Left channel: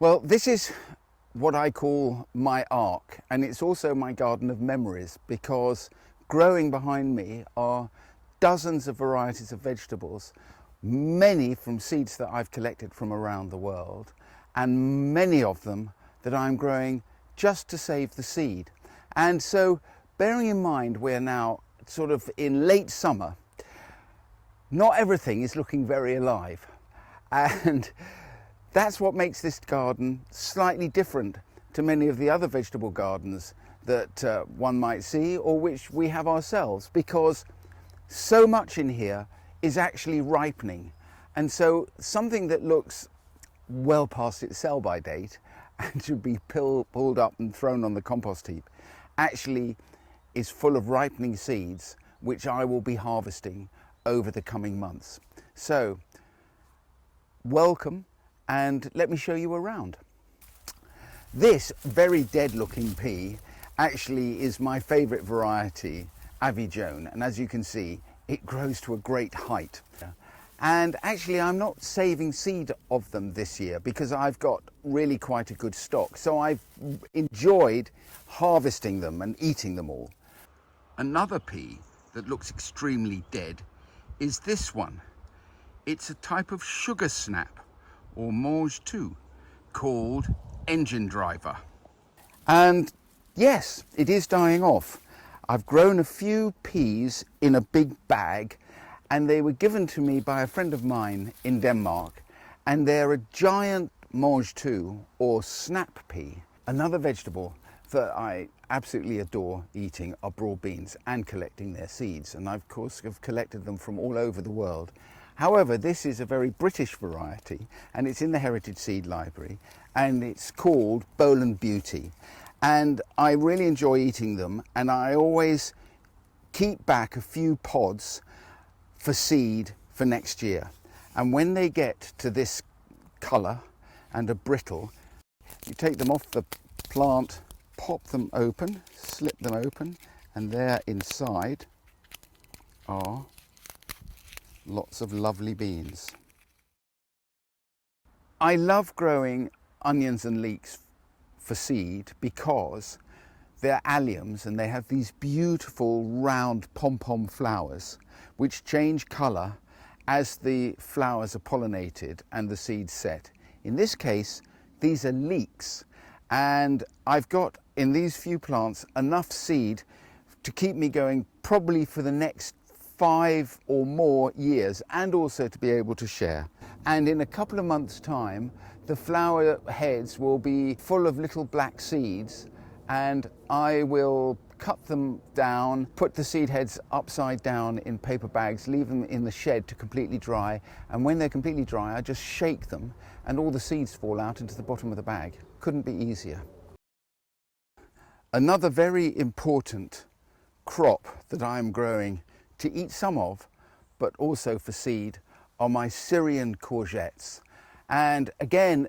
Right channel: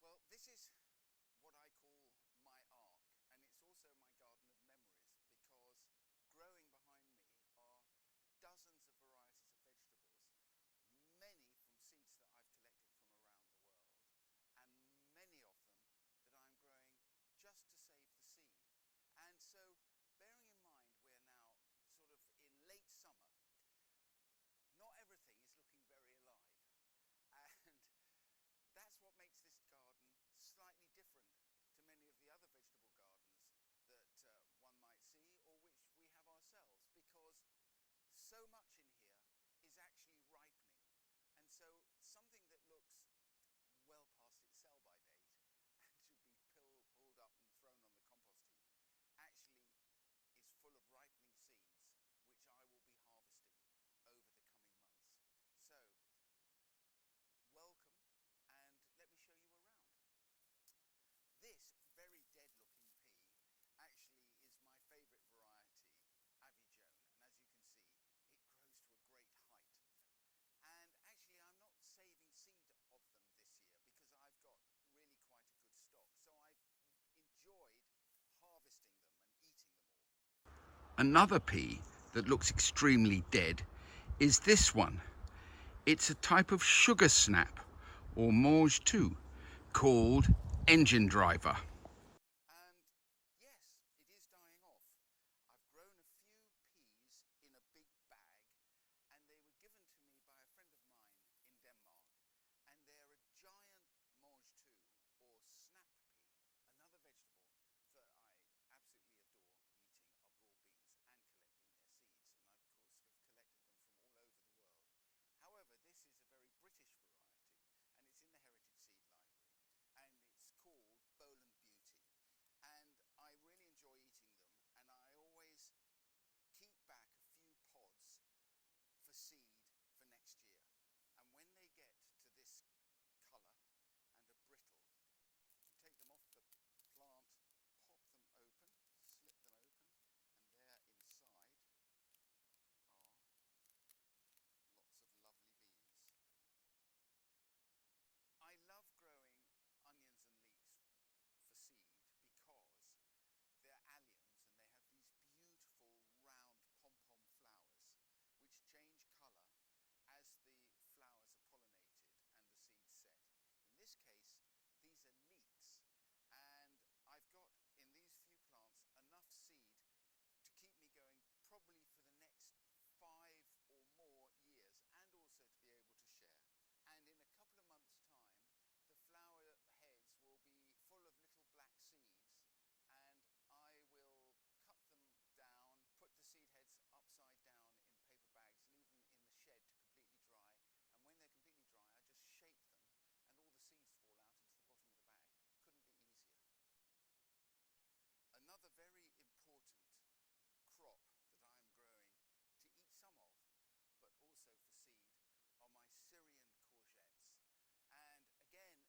Well, this is what I call my ark, and it's also my garden of memories, because growing behind me are dozens of varieties of vegetables, many from seeds that I've collected from around the world, and many of them that I'm growing just to save the seed. And so, bearing in mind we're now sort of in late summer, not everything is looking very alive, and that's what makes this garden slightly different to many of the other vegetable gardens that one might see, or which we have ourselves, because so much in here is actually ripening. And so something that looks well past its sell-by date and should be pulled up and thrown on the compost heap actually is full of ripening seeds, which I will be harvesting over the coming months. So welcome, and let me show you around. This very dead looking pea actually is my favourite variety, Avijone, and as you can see it grows to a great height. And actually I'm not saving seed of them this year because I've got really quite a good stock, so I've enjoyed harvesting them and eating them all. Another pea that looks extremely dead is this one. It's a type of sugar snap, or mange tout, called engine driver. And yes, it is dying off. I've grown a few peas in a big bag, and they were given to me by a friend of mine in Denmark, and they're a giant mange tout, or snap pea. Another vegetable that I absolutely adore eating are broad beans and collecting their seeds, and I of course have collected them from all over the world. However, this is a very British variety, and it's in the Heritage Seed Library, and it's called Bowland Beauty. And I really enjoy eating them, and I always keep back a few pods for seed for next year. And when they get to this colour and are brittle, you take them off the plant, pop them open, slip them open, and there inside are lots of lovely beans. I love growing onions and leeks for seed because they're alliums and they have these beautiful round pom-pom flowers which change colour as the flowers are pollinated and the seeds set. In this case, these are leeks, and I've got in these few plants enough seed to keep me going probably for the next 5 or more years, and also to be able to share. And in a couple of months' time, the flower heads will be full of little black seeds, and I will cut them down, put the seed heads upside down in paper bags, leave them in the shed to completely dry, and when they're completely dry I just shake them and all the seeds fall out into the bottom of the bag. Couldn't be easier. Another very important crop that I'm growing to eat some of, but also for seed, are my Syrian courgettes. And again,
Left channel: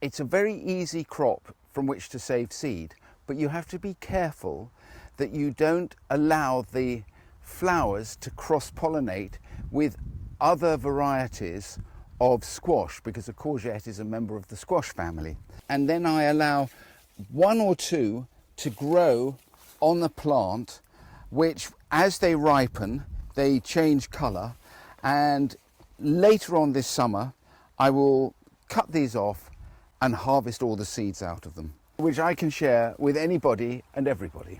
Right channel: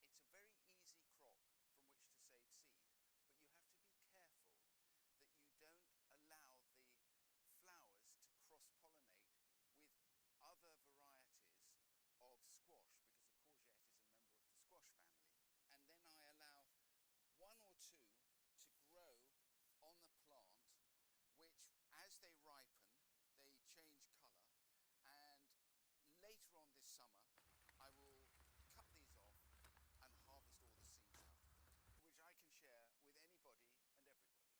it's a very easy crop from which to save seed, but you have to be careful that you don't allow the flowers to cross-pollinate with other varieties of squash, because a courgette is a member of the squash family. And then I allow 1 or 2 to grow on the plant, which as they ripen they change colour, and later on this summer I will cut these off and harvest all the seeds out of them, which I can share with anybody and everybody.